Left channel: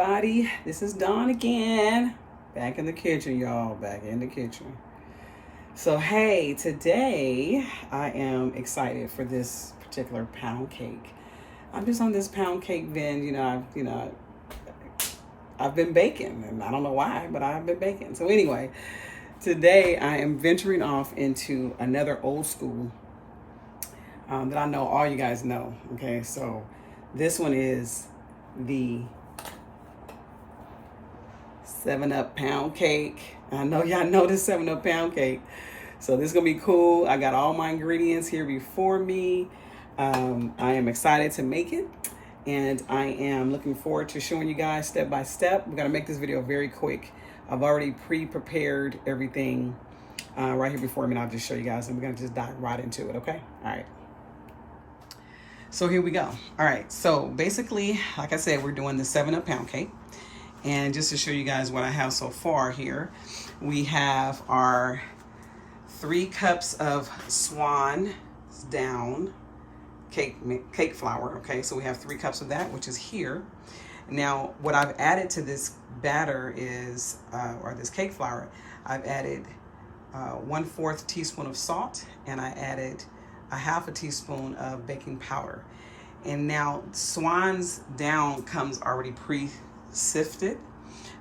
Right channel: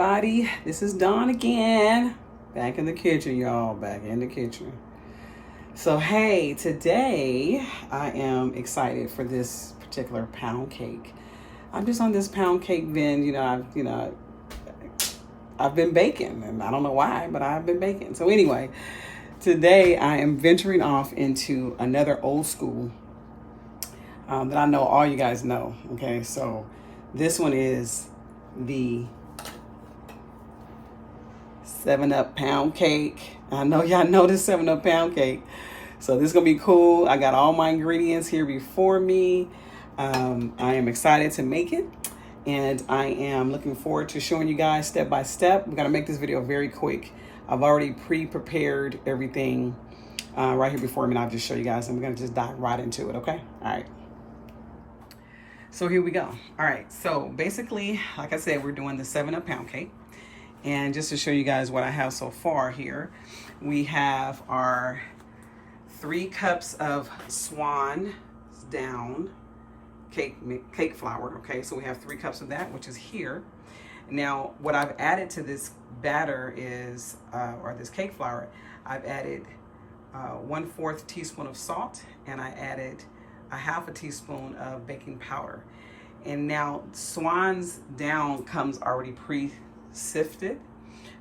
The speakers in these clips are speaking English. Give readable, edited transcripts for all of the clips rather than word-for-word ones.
everybody. This is Dawn again. Back in the kitchen, y'all. Back in the kitchen. So, hey, today I am excited for this particular pound cake. I'm just on this pound cake bin. I've been baking, and I don't know why, but I've been baking. So anyway, today I am venturing off into another old school that I know all you guys know. Okay, so this one is the 7-Up pound cake. I know y'all know this 7-Up pound cake. So this is gonna be cool. I got all my ingredients here before me. I am excited to make it, and I am looking forward to showing you guys step by step. We're gonna make this video very quick. I've already pre-prepared everything right here before me, and I'll just show you guys, and we're gonna just dive right into it, okay? All right. So here we go. All right, so basically, like I said, we're doing the 7-Up pound cake. And just to show you guys what I have so far here, we have our 3 cups of Swan Down cake flour, okay? So we have 3 cups of that, which is here. Now, what I've added to this batter is, or this cake flour, I've added 1/4 teaspoon of salt, and I added a 1/2 teaspoon of baking powder. And now Swan's Down comes already pre-sifted,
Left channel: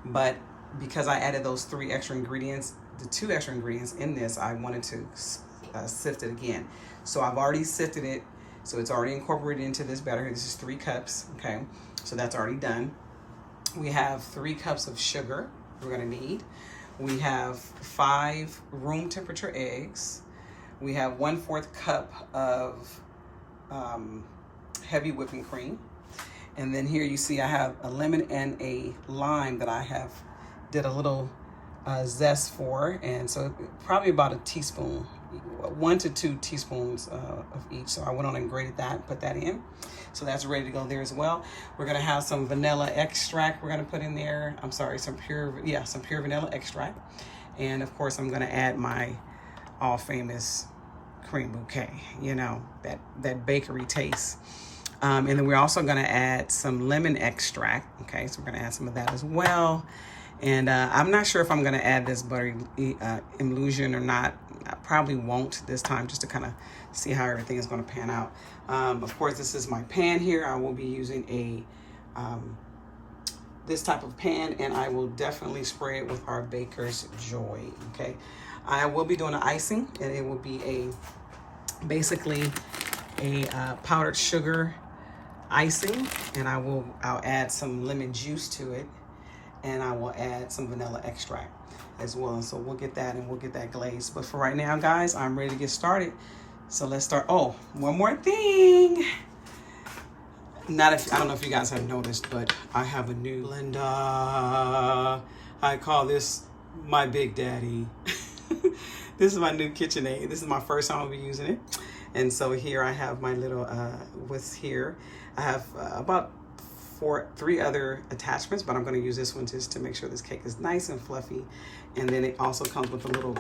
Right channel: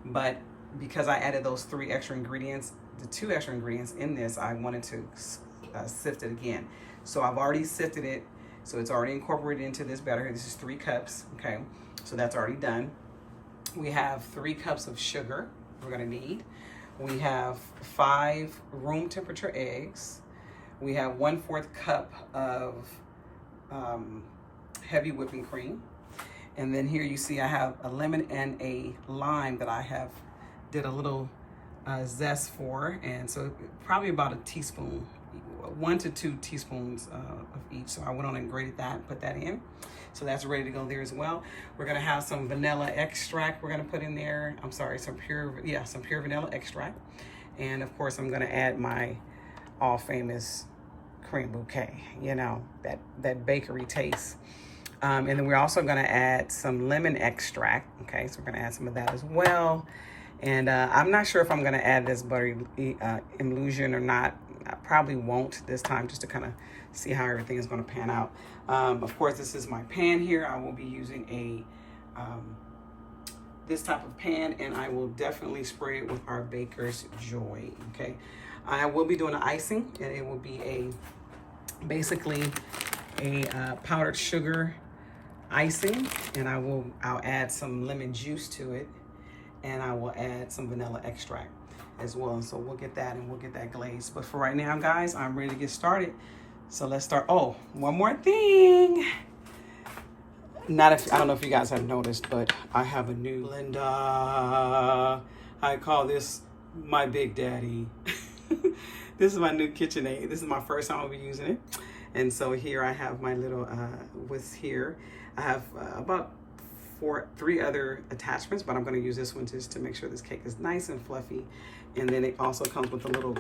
but because I added those 3 extra ingredients, the 2 extra ingredients in this, I wanted to sift it again. So I've already sifted it, so it's already incorporated into this batter. This is 3 cups, okay? So that's already done. We have 3 cups of sugar we're gonna need. We have 5 room temperature eggs. We have 1/4 cup of heavy whipping cream. And then here you see I have a lemon and a lime that I have did a little zest for. And so probably about a teaspoon, 1 to 2 teaspoons of each. So I went on and grated that, put that in. So that's ready to go there as well. We're gonna have some vanilla extract we're gonna put in there. I'm sorry, some pure vanilla extract. And of course I'm gonna add my all famous cream bouquet, you know, that bakery taste. And then we're also gonna add some lemon extract, okay? So we're gonna add some of that as well. And I'm not sure if I'm gonna add this butter emulsion or not. I probably won't this time, just to kind of see how everything is gonna pan out. Of course, this is my pan here. I will be using this type of pan, and I will definitely spray it with our Baker's Joy, okay? I will be doing the icing, and it will be basically a powdered sugar icing, and I'll add some lemon juice to it, and I will add some vanilla extract as well. And so we'll get that, and we'll get that glazed. But for right now, guys, I'm ready to get started. So let's start. Oh, one more thing. I don't know if you guys have noticed, but I have a new blender. I call this my Big Daddy. This is my new KitchenAid. This is my first time I'll be using it. And so here I have my little here. I have about 3 other attachments, but I'm gonna use this one just to make sure this cake is nice and fluffy. And then it also comes with a little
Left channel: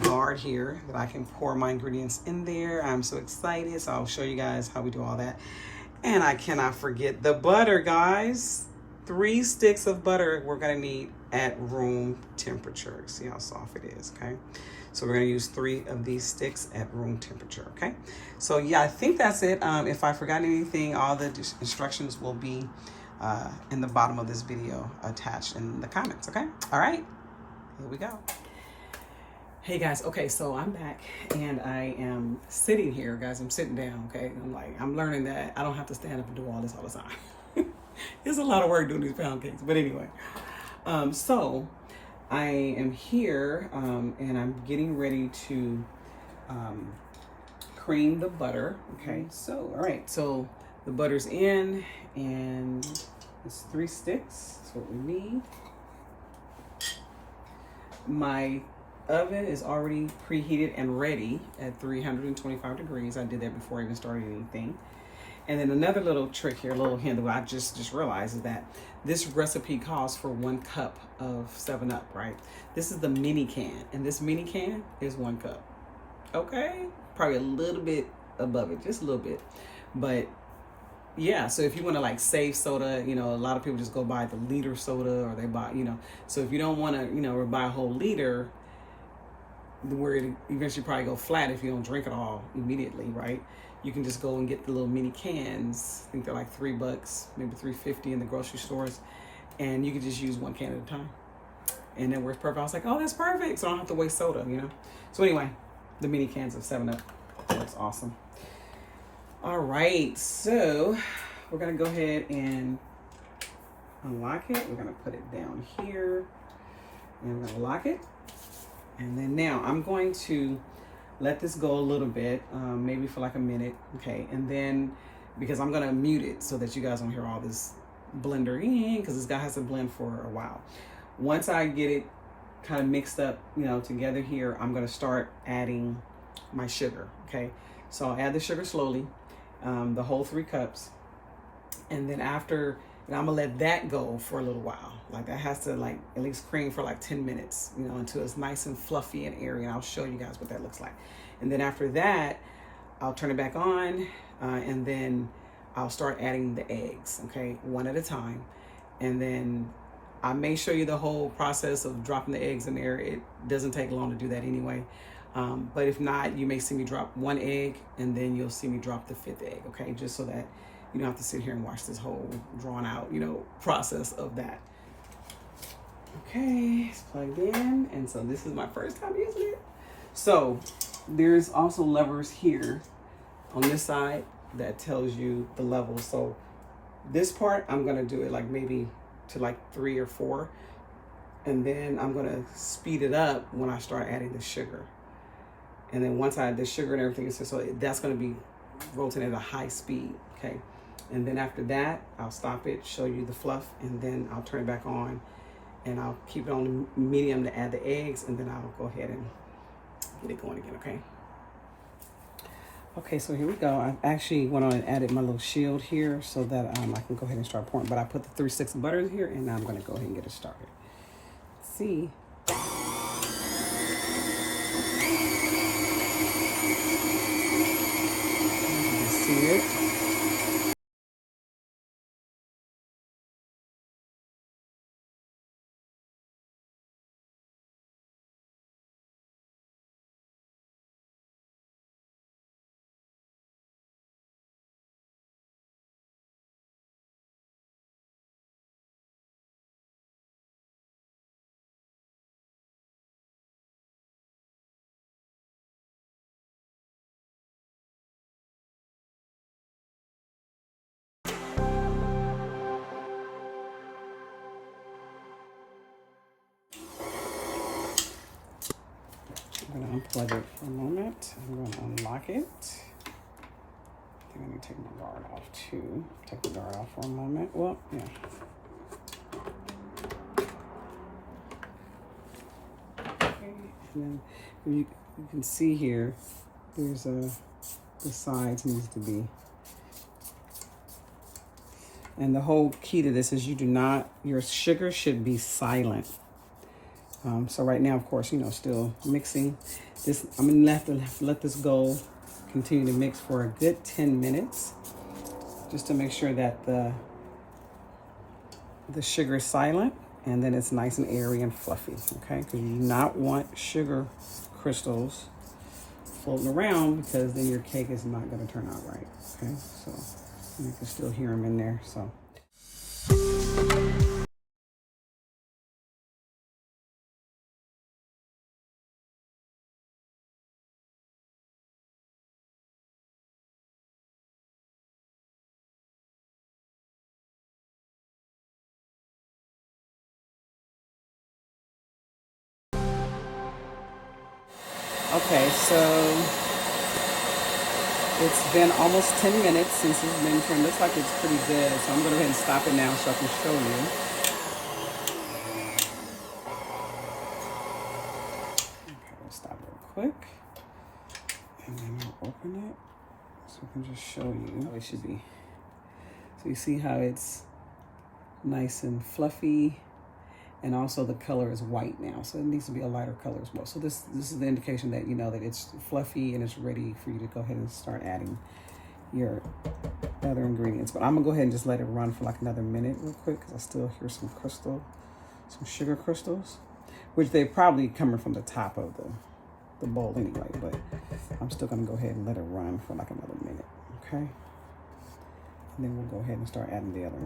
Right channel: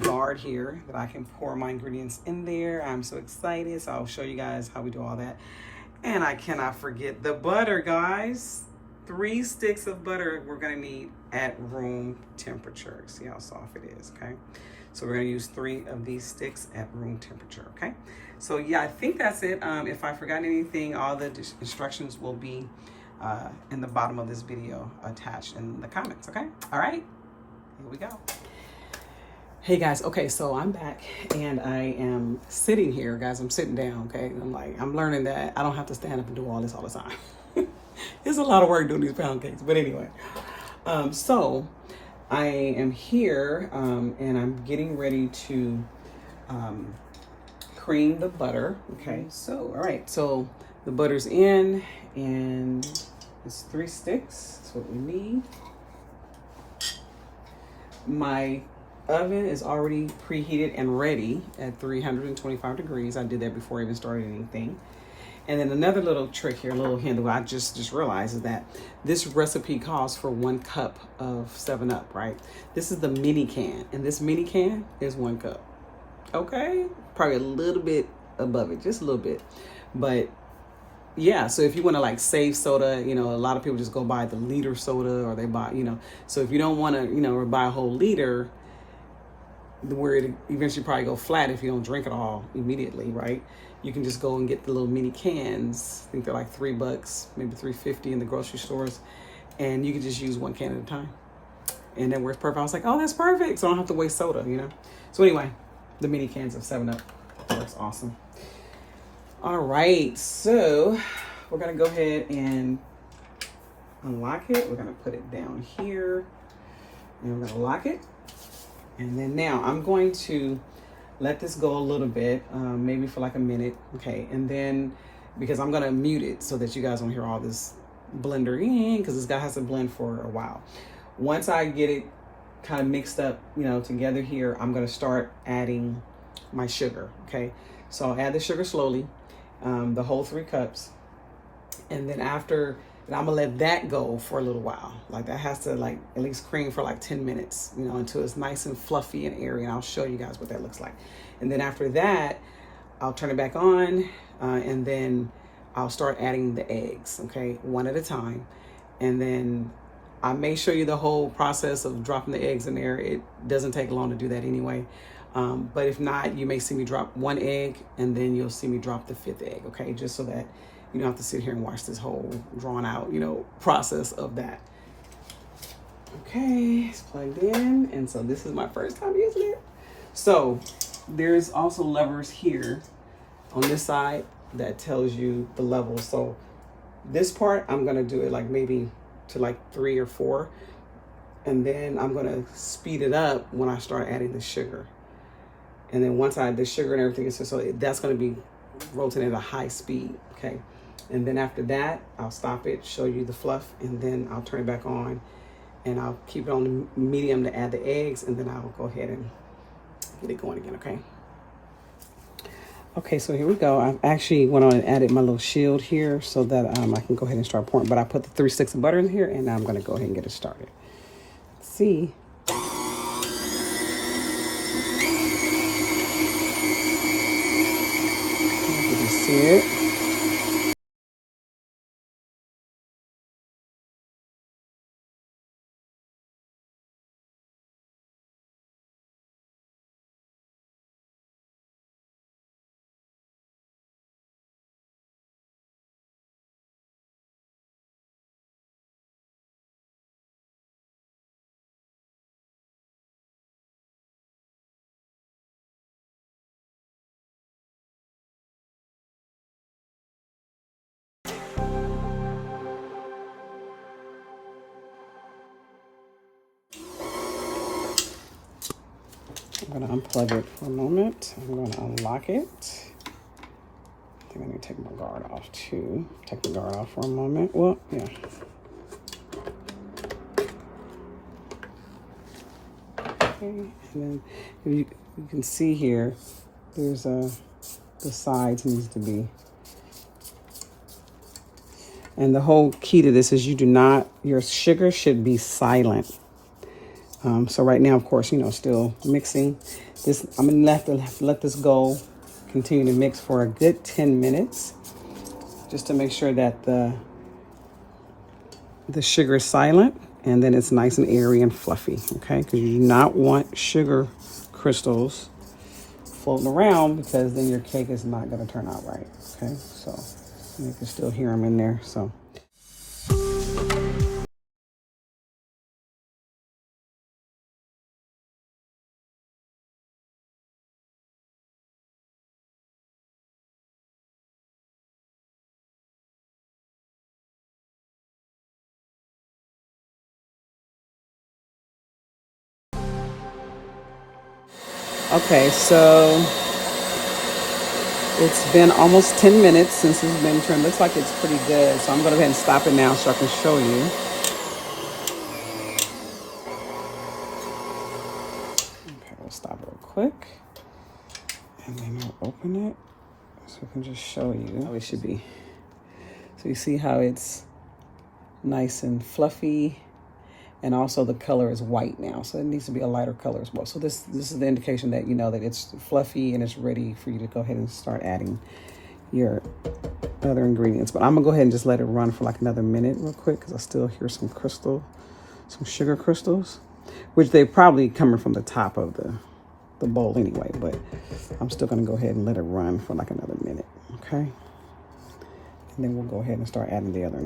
guard here that I can pour my ingredients in there. I'm so excited. So I'll show you guys how we do all that. And I cannot forget the butter, guys. 3 sticks of butter we're gonna need at room temperature. See how soft it is, okay? So we're gonna use 3 of these sticks at room temperature, okay? So yeah, I think that's it. If I forgot anything, all the instructions will be in the bottom of this video attached in the comments, okay? All right, here we go. Hey guys, okay, so I'm back, and I am sitting here, guys. I'm sitting down, okay? I'm learning that I don't have to stand up and do all this all the time. It's a lot of work doing these pound cakes, but anyway. So I am here, and I'm getting ready to cream the butter, okay? So, all right, so the butter's in, and it's 3 sticks. That's what we need. My oven is already preheated and ready at 325 degrees. I did that before I even started anything. And then another little trick here, a little hint that I just realized, is that this recipe calls for 1 cup of 7-Up, right? This is the mini can, and this mini can is 1 cup, okay? Probably a little bit above it, just a little bit. But yeah, so if you want to like save soda, you know, a lot of people just go buy the liter soda, or they buy, you know, so if you don't want to, you know, buy a whole liter, where it eventually probably go flat if you don't drink it all immediately, right? You can just go and get the little mini cans. I think they're like $3, maybe $3.50 in the grocery stores, and you can just use one can at a time. And then works perfect. I was like, oh, that's perfect. So I don't have to waste soda, you know? So anyway, the mini cans of 7-Up works awesome. All right, so we're gonna go ahead and unlock it. We're gonna put it down here, and we're gonna lock it. And then now I'm going to let this go a little bit, maybe for like a minute, okay? And then, because I'm gonna mute it so that you guys don't hear all this blender, because this guy has to blend for a while. Once I get it kind of mixed up, you know, together here, I'm gonna start adding my sugar, okay? So I'll add the sugar slowly, the whole 3 cups. And then after, and I'm gonna let that go for a little while. Like that has to like at least cream for like 10 minutes, you know, until it's nice and fluffy and airy. And I'll show you guys what that looks like. And then after that, I'll turn it back on, and then I'll start adding the eggs, okay, one at a time. And then I may show you the whole process of dropping the eggs in there. It doesn't take long to do that anyway. But if not, you may see me drop 1 egg, and then you'll see me drop the 5th egg, okay? Just so that you don't have to sit here and watch this whole drawn out, you know, process of that. Okay, it's plugged in. And so this is my first time using it. So there's also levers here on this side that tells you the levels. So this part, I'm gonna do it like maybe to like 3 or 4. And then I'm gonna speed it up when I start adding the sugar. And then once I add the sugar and everything, so that's gonna be rotating at a high speed, okay? And then after that, I'll stop it, show you the fluff, and then I'll turn it back on, and I'll keep it on the medium to add the eggs, and then I'll go ahead and get it going again, okay? Okay, so here we go. I actually went on and added my little shield here so that I can go ahead and start pouring, but I put the 3 sticks of butter in here, and now I'm gonna go ahead and get it started. Let's see. You can see it. I'm gonna unplug it for a moment. I'm gonna unlock it. I think I need to take my guard off too. Take the guard off for a moment. Well, yeah. Okay, and then you can see here, there's the sides needs to be. And the whole key to this is your sugar should be silent. So right now, of course, you know, still mixing this. I'm gonna let this go, continue to mix for a good 10 minutes, just to make sure that the sugar is silent, and then it's nice and airy and fluffy, okay? Because you do not want sugar crystals floating around, because then your cake is not gonna turn out right, okay? So you can still hear them in there, so. Okay, so it's been almost 10 minutes since it's been turned. Looks like it's pretty good. So I'm going to go ahead and stop it now so I can show you. Okay, we'll stop real quick. And then we'll open it so I can just show you how it should be. So you see how it's nice and fluffy. And also the color is white now, so it needs to be a lighter color as well. So this is the indication that you know that it's fluffy and it's ready for you to go ahead and start adding your other ingredients. But I'm gonna go ahead and just let it run for like another minute real quick because I still hear some sugar crystals, which they probably coming from the top of the bowl anyway, but I'm still gonna go ahead and let it run for like another minute, okay? And then we'll go ahead and start adding the other.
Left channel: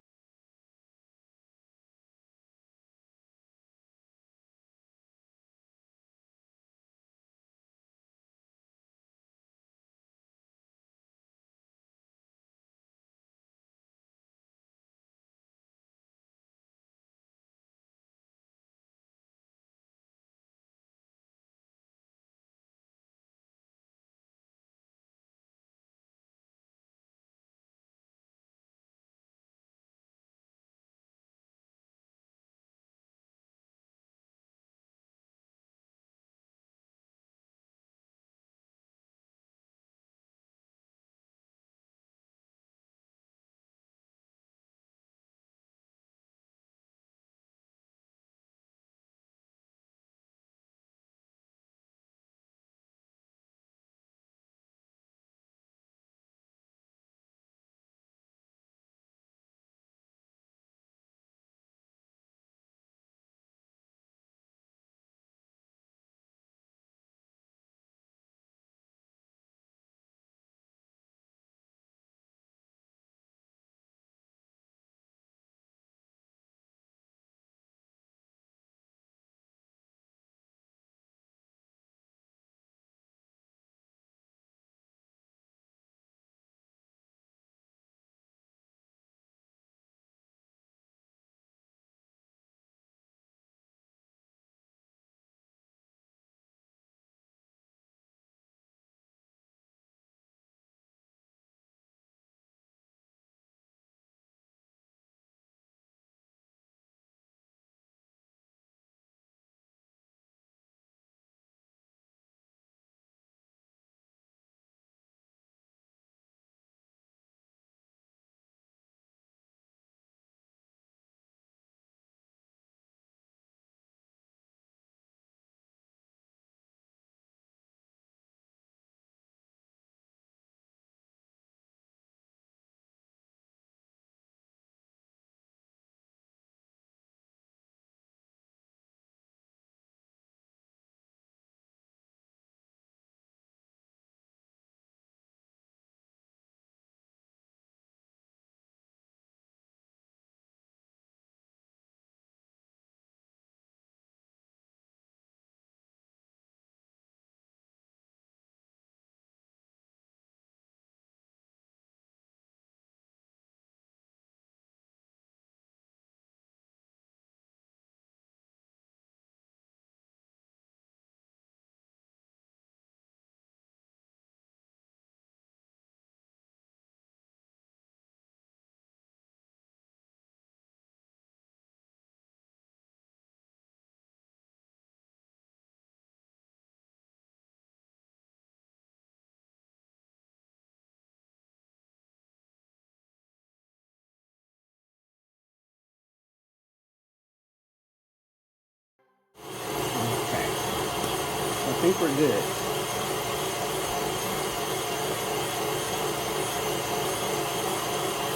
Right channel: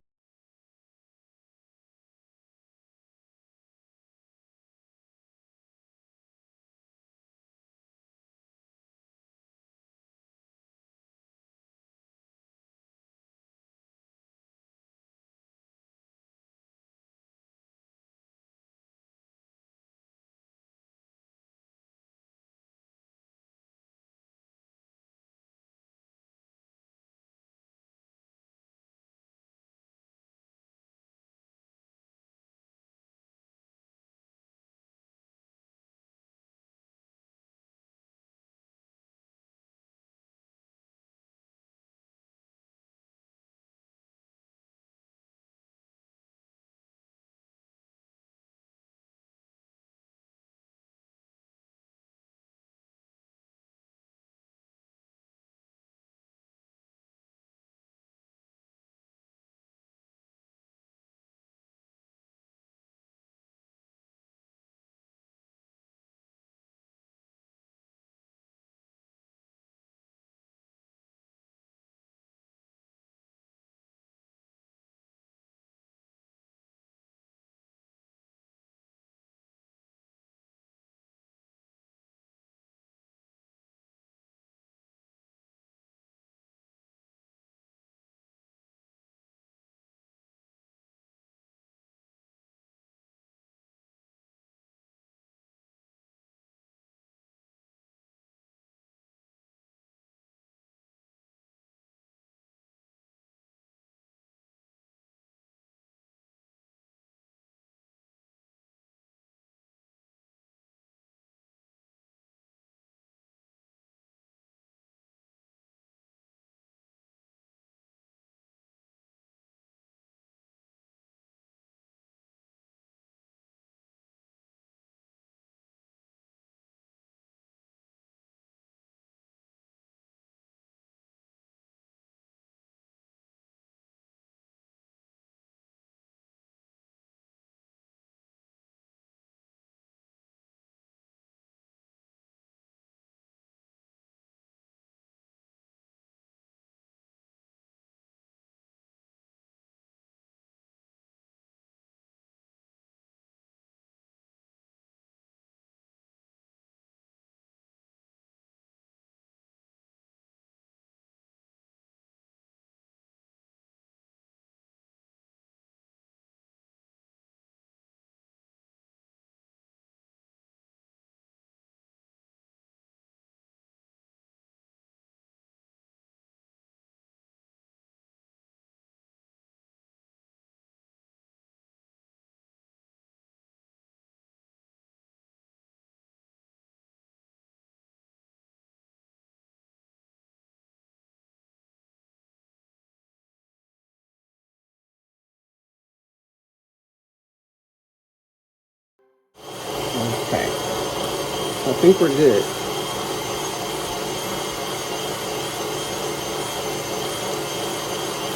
Okay, I think we're good.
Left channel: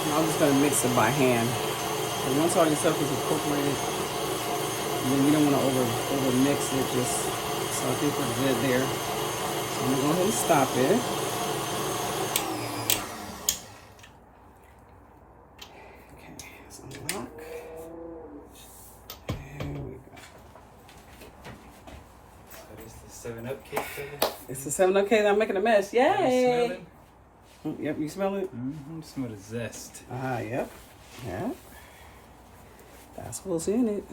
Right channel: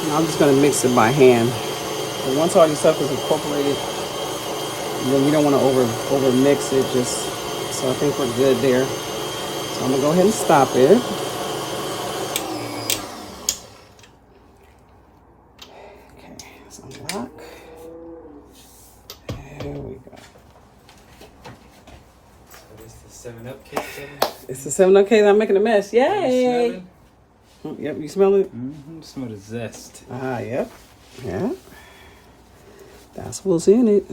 Now I'm just gonna mix it by hand. And once all this stuff is incorporated, then you don't want to over mix it. Just so I think we're good there. So I'm gonna go ahead and stop it. Okay, let's unlock. There we go. So this is the 7-Up cake. It's the 7-Up cake. I'm making a mess. Yay! Yep, you smell it? Mm-hmm. Smell the zest. Ah, yep. Yeah. That's what's in it.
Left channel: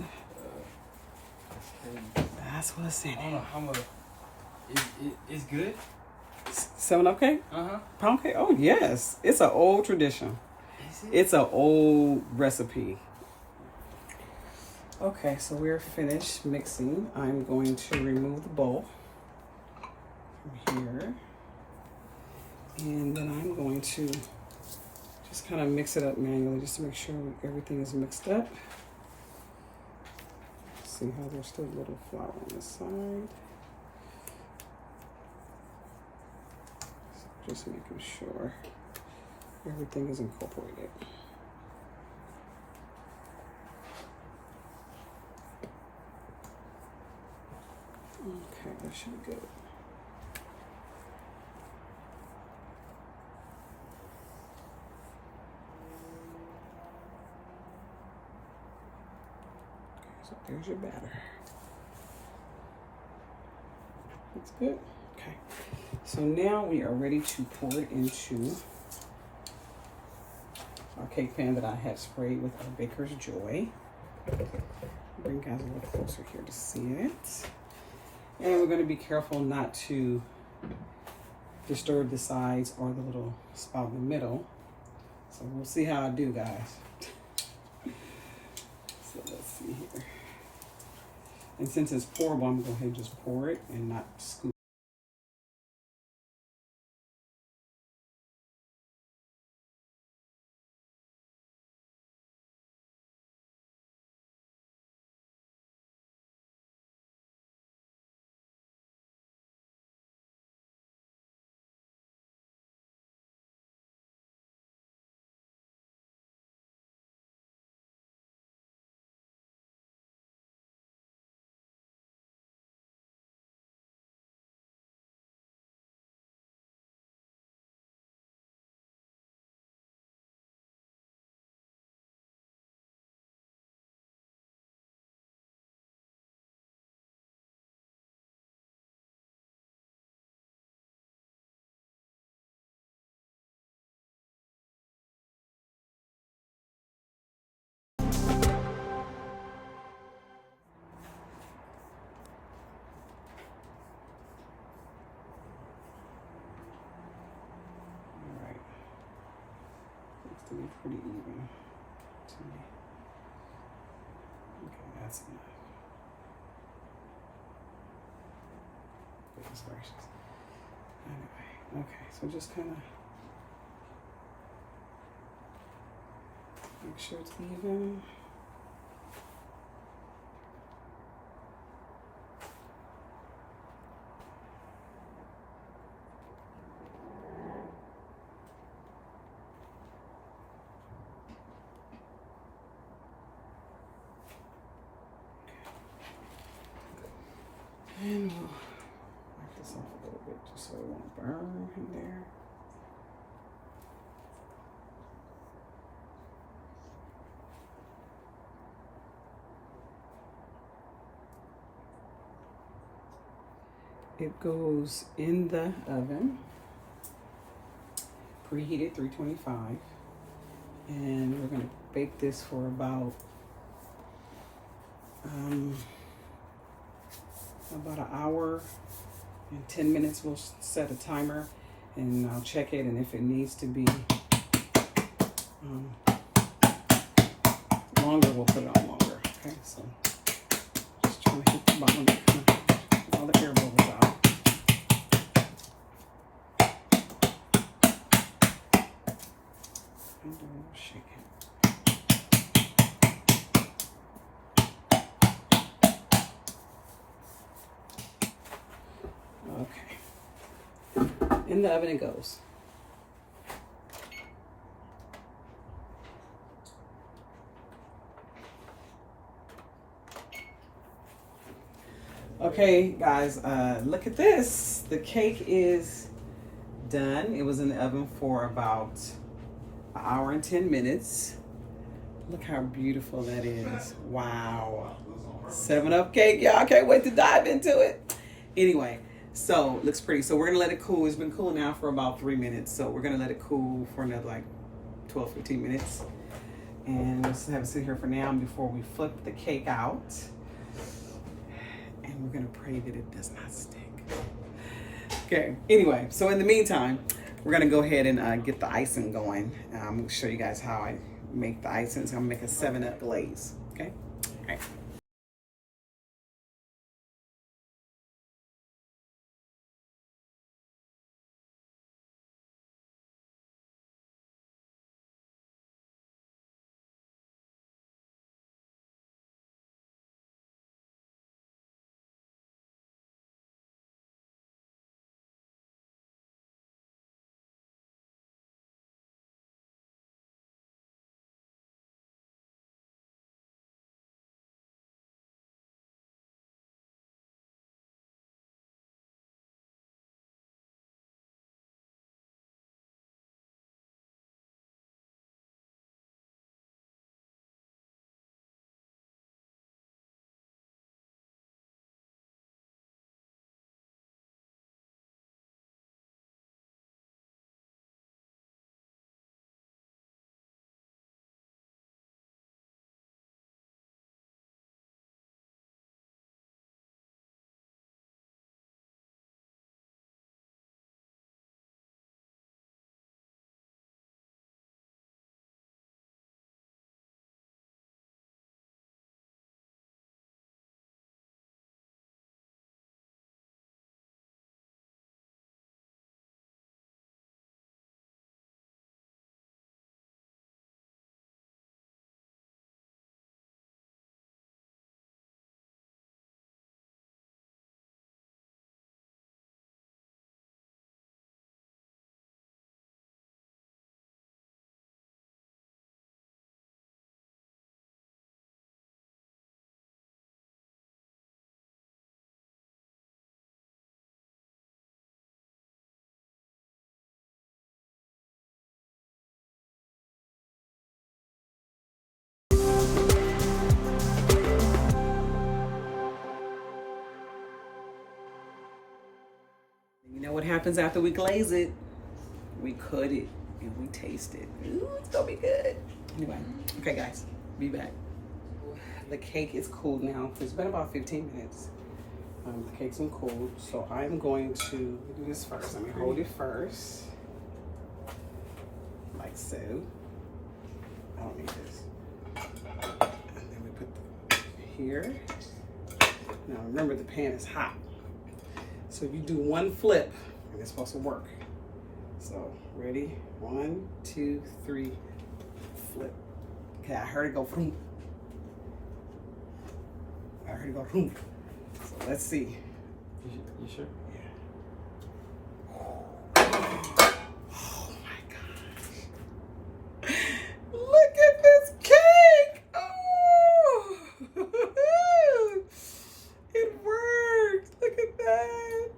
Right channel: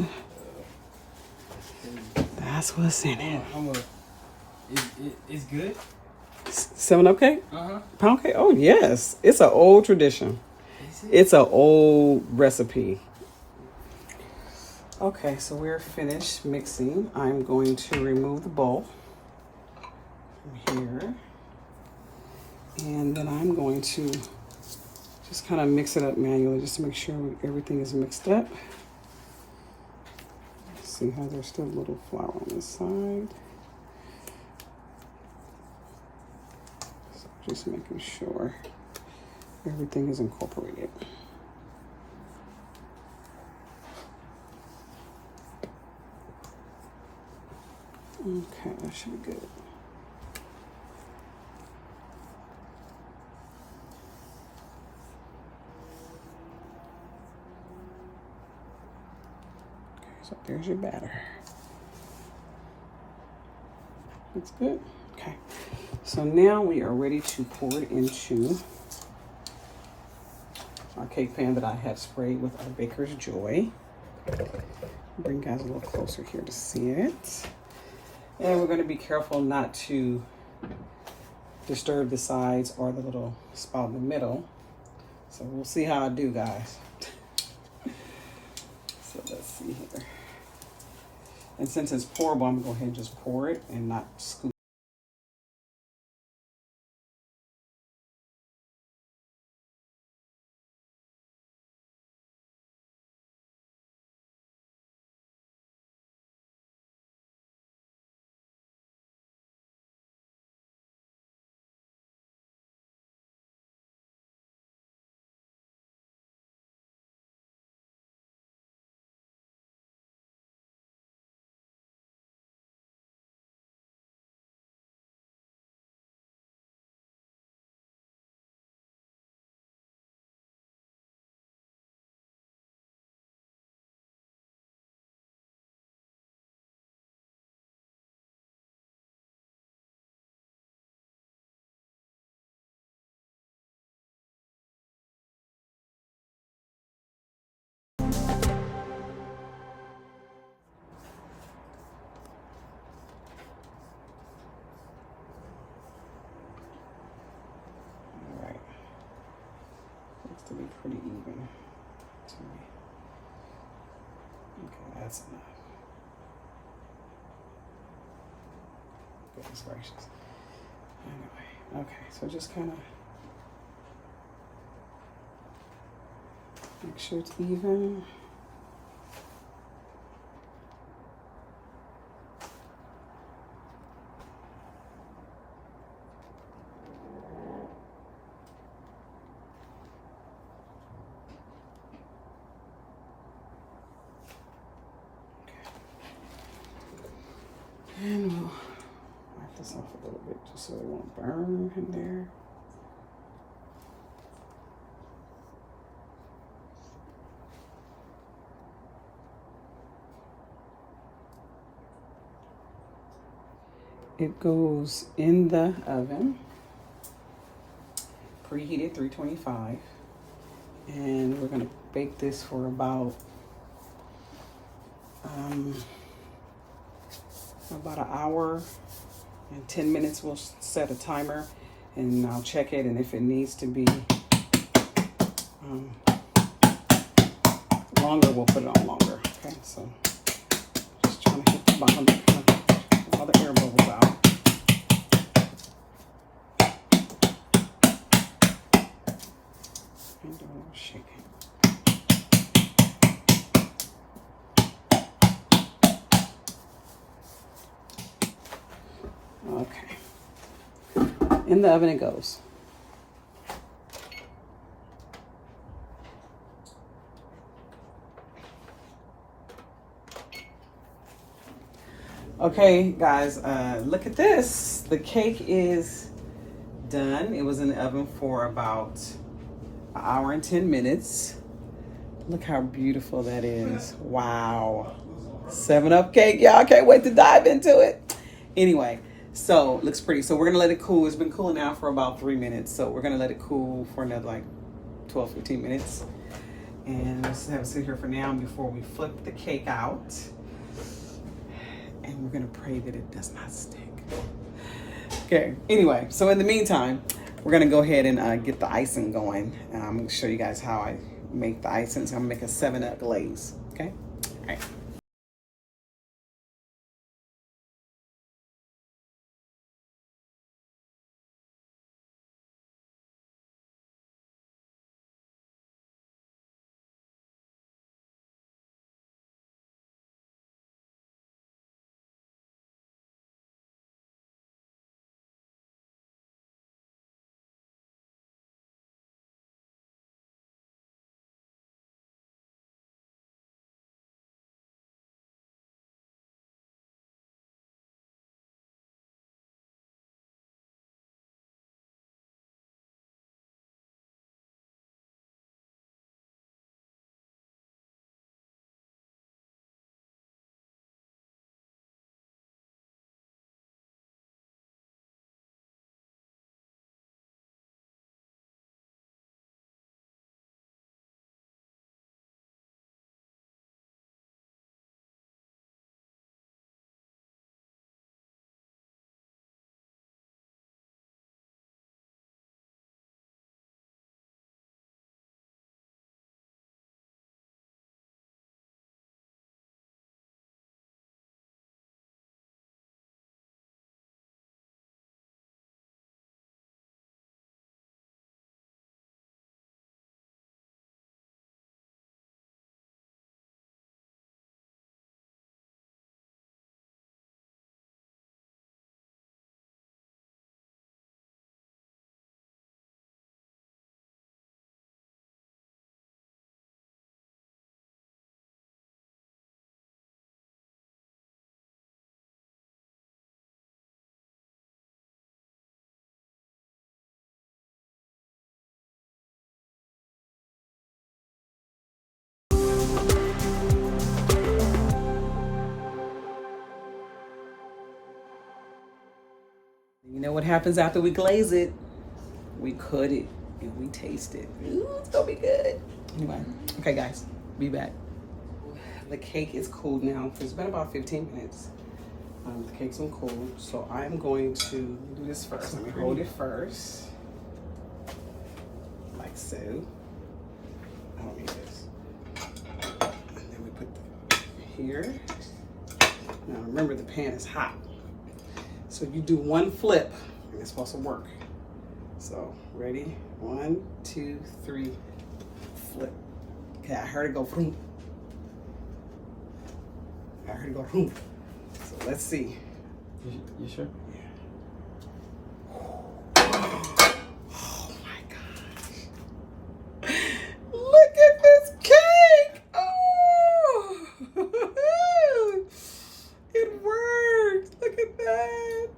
That's what's in it. It's good? 7-Up cake? Uh-huh. Pound cake? Oh, yes. It's an old tradition. Is it? It's an old recipe. Okay, so we're finished mixing. I'm going to remove the bowl from here. And then I'm going to just kind of mix it up manually just to make sure everything is mixed up. See how there's still a little flour on this side. So just making sure everything is incorporated. Okay, that should be good. Okay, so there's your batter. That's good. Okay, so now we are ready to pour it into our cake pan that I have sprayed with our Baker's Joy. Bring you guys a little closer here to see it. And we're going to be careful not to disturb the sides or the little spout in the middle. So we'll see how I do, guys. So let's see here. And since it's pourable, I'm going to go ahead and just pour it and not scoop. To be pretty even to me. Okay, that's enough. Goodness gracious. Anyway, okay, so just kind of make sure it's even. And we'll wipe this off a little bit just so it won't burn in there. It goes in the oven, preheated 325, and we're gonna bake this for about an hour and 10 minutes. We'll set a timer and I'll check it, and if it needs to be longer, we'll put it on longer. Okay, so just trying to hit the bottom, get all the air bubbles out. And don't shake it. Okay, in the oven it goes. Okay, guys, look at this. The cake is done. It was in the oven for about an hour and 10 minutes. Look how beautiful that is. Wow. 7-Up cake. Y'all can't wait to dive into it. Anyway, so looks pretty. So we're gonna let it cool. It's been cooling now for about 3 minutes. So we're gonna let it cool for another like 12, 15 minutes. And we'll have it sit here for now before we flip the cake out. And we're gonna pray that it does not stick. Okay, anyway, so in the meantime, we're gonna go ahead and get the icing going. And I'm gonna show you guys how I make the icing. So I'm gonna make a 7-Up glaze, okay? All right. know what happens after we glaze it? We cut it and we taste it. Ooh, it's gonna be good. Anyway, okay guys, be back. The cake is cooled now. It's been about 15 minutes. The cake's been cooled. So I'm going to do this first. Let me hold it first. Like so. I don't need this. And then we put here. Now remember, the pan is hot. So you do one flip and it's supposed to work. So ready? 1, 2, 3, flip. Okay, I heard it go boom. I heard it go boom. So let's see. You sure? Yeah. Oh my gosh. Look at this cake. Oh. It worked. Look at that.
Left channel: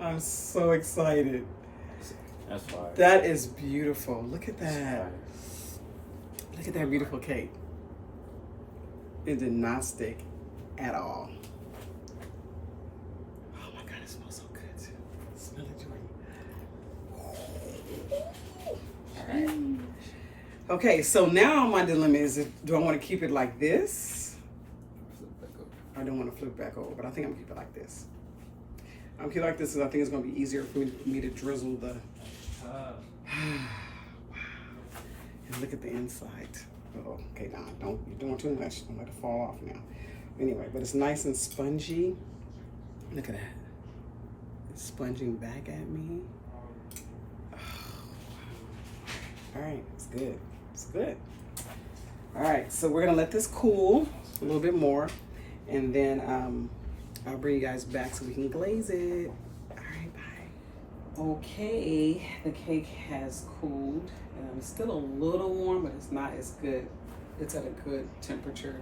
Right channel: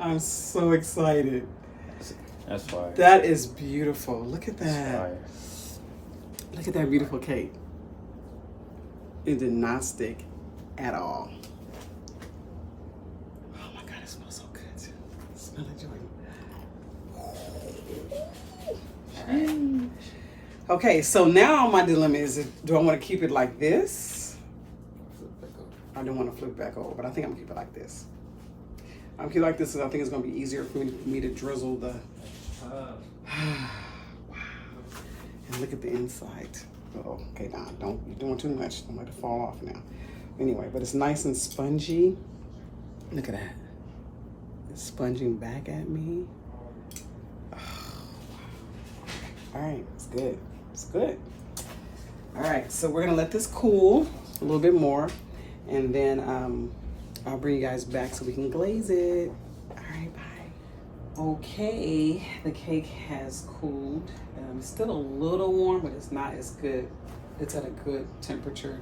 I'm so excited. That's fine. That is beautiful. Look at that. Look at that beautiful cake. It did not stick at all. Oh my God, it smells so good too. Smell it, Jordan. Okay, so now my dilemma is, do I want to keep it like this? I don't want to flip back over, but I think I'm gonna keep it like this. I'm keep it like this because I think it's gonna be easier for me to drizzle the. Wow. And look at the inside. Oh, okay, now don't be doing too much. Don't let it fall off now. Anyway, but it's nice and spongy. Look at that. It's sponging back at me. Oh, wow. All right, it's good. It's good. All right, so we're gonna let this cool a little bit more, and then I'll bring you guys back so we can glaze it. All right, bye. Okay, the cake has cooled. Still a little warm, but it's not as good. It's at a good temperature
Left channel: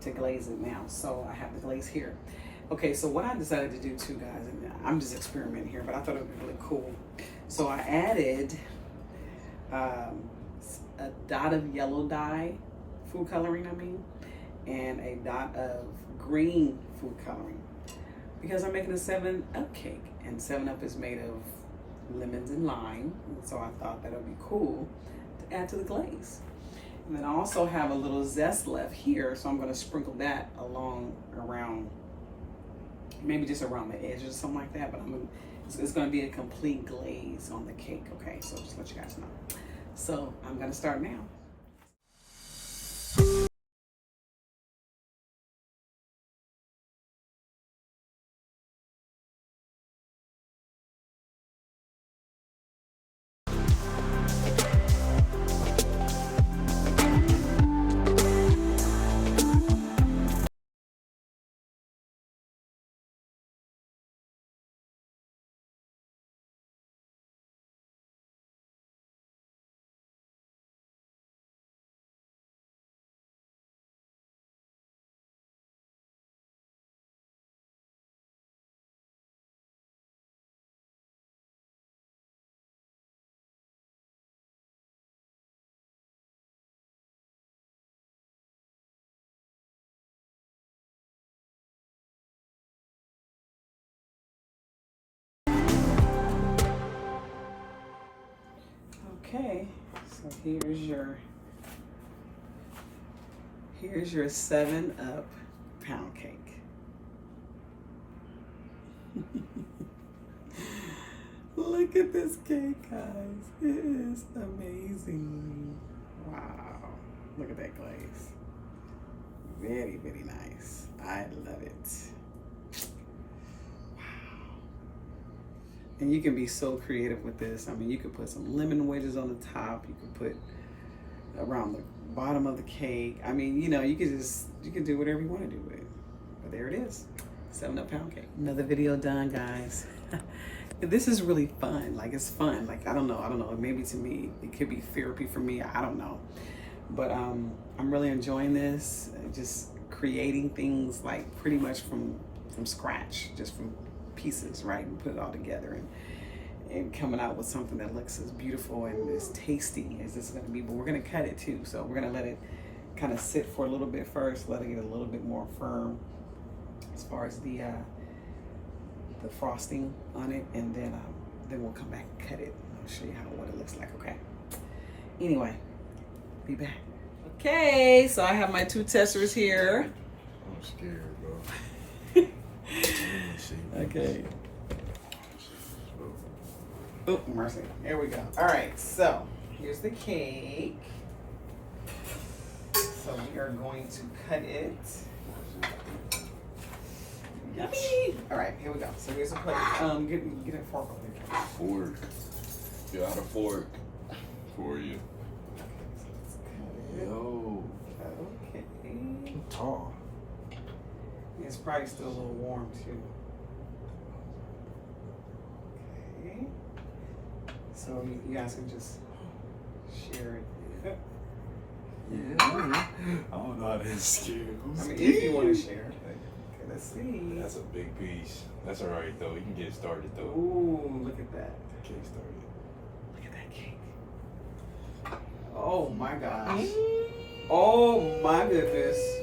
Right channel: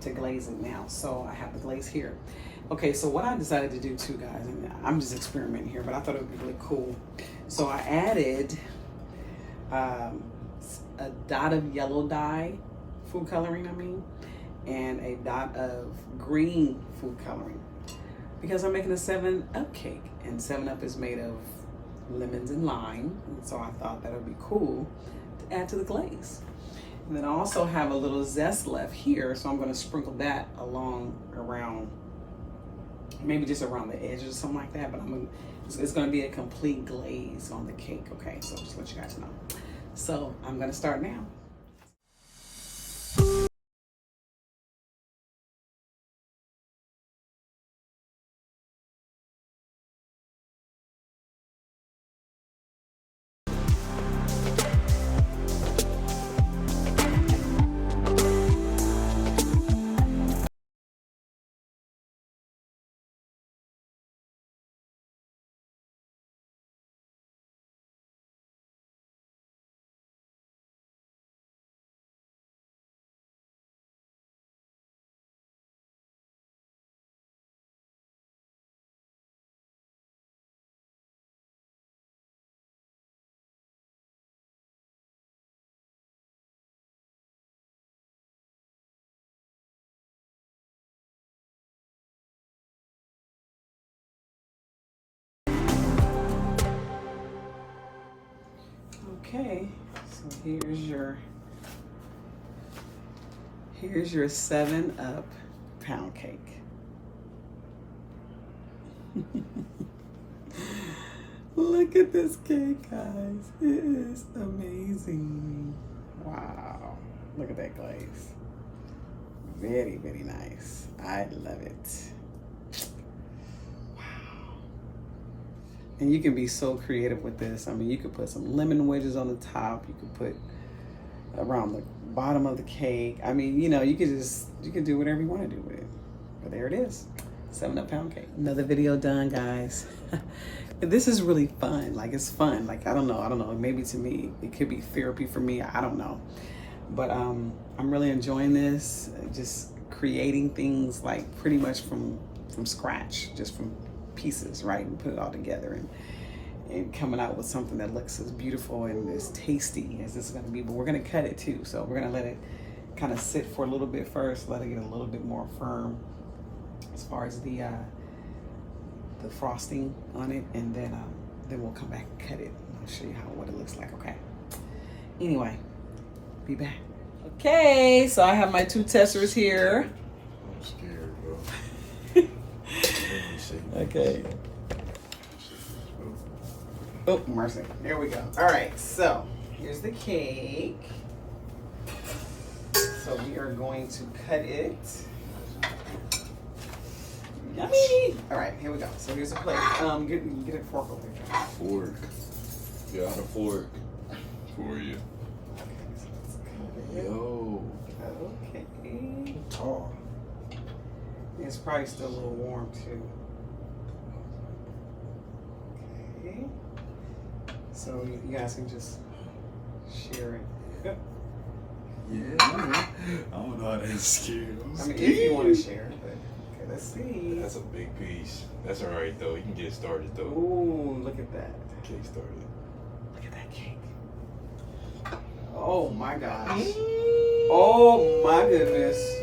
to glaze it now. So I have the glaze here. Okay, so what I decided to do too, guys, and I'm just experimenting here, but I thought it would be really cool. So I added a dot of yellow dye, food coloring, and a dot of green food coloring, because I'm making a 7-Up cake, and 7-Up is made of lemons and lime, and so I thought that would be cool to add to the glaze. And then I also have a little zest left here, so I'm going to sprinkle that around, maybe just around the edges or something like that, but it's going to be a complete glaze on the cake. Okay, so just let you guys know. So I'm going to start now. Okay, so here's your 7-Up pound cake. Look at this cake, guys. It is amazing. Wow. Look at that glaze. Very, very nice. I love it. Wow. And you can be so creative with this. I mean, you could put some lemon wedges on the top. You could put around the bottom of the cake. I mean, you know, you could do whatever you want to do with it. But there it is. 7-Up pound cake. Another video done, guys. This is really fun. Like, it's fun. Like, I don't know. Maybe to me, it could be therapy for me. I don't know. But I'm really enjoying this. Just creating things like pretty much from scratch, just from pieces, right? And put it all together and coming out with something that looks as beautiful and as tasty as this is going to be. But we're going to cut it too. So we're going to let it kind of sit for a little bit first, let it get a little bit more firm as far as the the frosting on it, and then we'll come back and cut it. I'll show you what it looks like. Okay. Anyway, be back. Okay, so I have my 2 testers here. I'm scared, bro. Okay. Oh, mercy. There we go. All right, so here's the cake. So we are going to cut it. Yummy. All right, here we go. So here's a plate. Get a fork over here. Fork. Got a fork for you. Okay, so let's cut it. Yo. Okay. Tall. It's probably still a little warm too. Okay. So you guys can just share it. Yeah. I don't know how to scale. I mean, if you want to share, but okay, let's see. That's a big piece. That's all right though. You can get it started though. Ooh, look at that. Cake started. Look at that cake. Oh my gosh. Oh my goodness.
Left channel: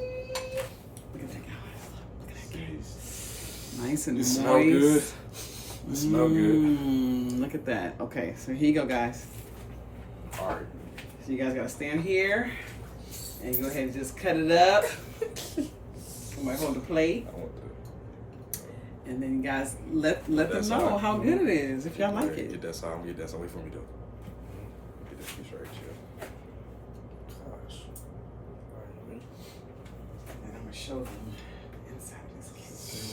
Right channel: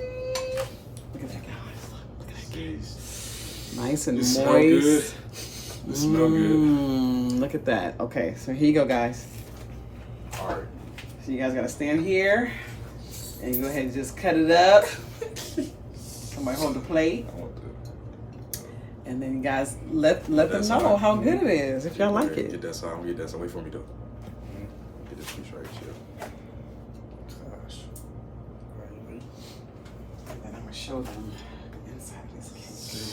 Look at that, guys. Look at that cake. Jeez. Nice and It moist. smell good. It smell good. Look at that. Okay, so here you go, guys. All right. So you guys gotta stand here and go ahead and just cut it up. Somebody hold the plate. I want that. And then you guys let them That's know all. how good it is if y'all like Get it. that side. I'm gonna get that side. Wait for me though. Get this piece right here. Gosh. All right, you ready? And then I'm gonna show them inside this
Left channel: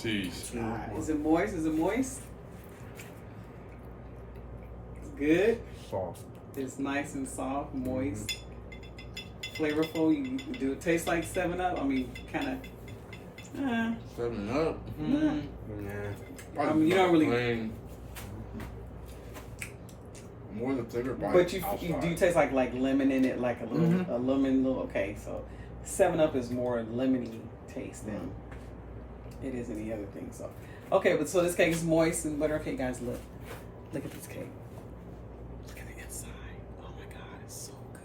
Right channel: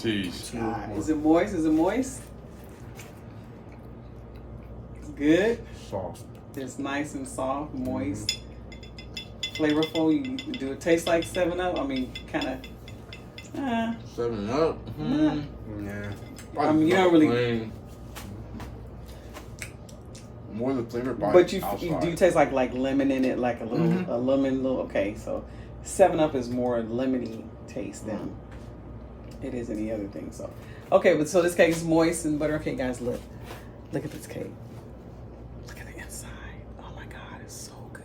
cake. Jeez. Is it moist? Is it moist? It's good. Soft. It's nice and soft, moist, flavorful. You do it taste like 7-Up? I mean, kind of. 7-Up. Nah. I mean, you don't really. Plain. More the flavor bite. But you do taste like lemon in it, like a little a lemon little. Okay, so 7-Up is more lemony taste than it is any other thing. So okay, but so this cake is moist and butter. Okay, guys, look at this cake. Look at the inside. Oh my God, it's so good.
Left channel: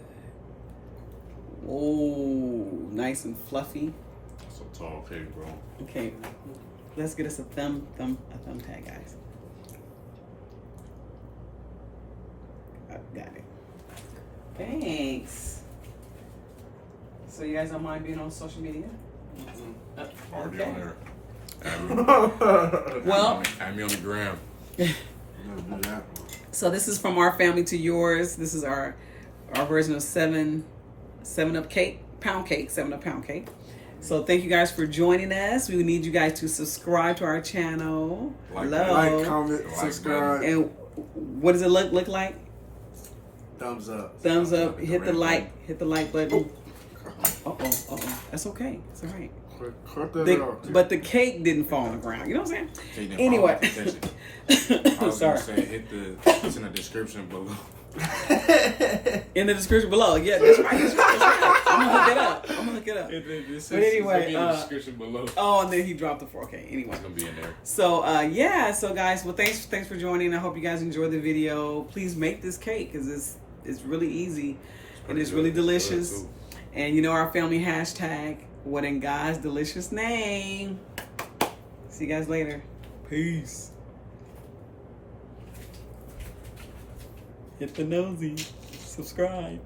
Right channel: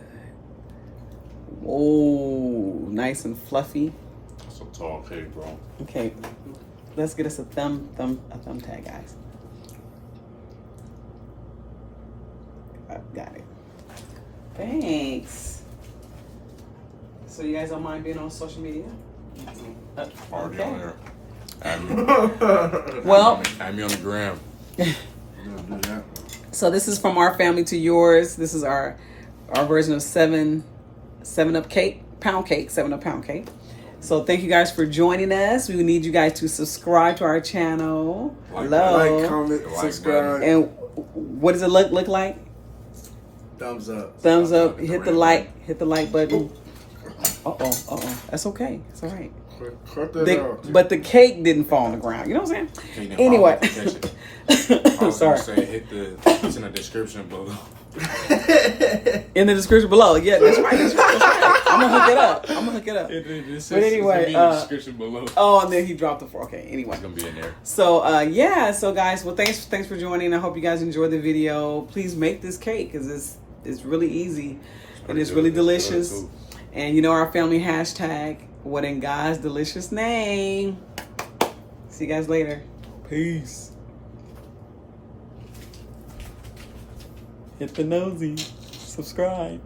Oh, nice and fluffy. That's a tall cake, bro. Okay, let's get us a thumb tag, guys. Got it. Thanks. So you guys don't mind being on social media? Already Okay. on there. Add me, Well, add me on the gram. We're gonna do that. so this is from our family to yours. This is our version of 7-Up cake, pound cake, 7-Up pound cake. So thank you guys for joining us. We need you guys to subscribe to our channel. Like, comment, Like subscribe, And what does it look like? thumbs up. Thumbs up. Hit the Hit the red like. Hit the like button. That's okay. It's all right. Cut that off. But the cake didn't fall on the ground. You know what I'm Cake saying? didn't Anyway. fall in the I'm I was sorry. gonna say it's in the description below. In the description below. Yeah, that's right. That's right. I'm gonna hook it up. But anyway, description below. Oh, and then he dropped the fork. Okay. Anyway. It's gonna be in there. So yeah. So guys, well, thanks for joining. I hope you guys enjoyed the video. Please make this cake because it's really easy and it's really delicious. And you know our family hashtag. What in God's delicious name? See you guys later. Peace. Hit the nosy. Subscribe.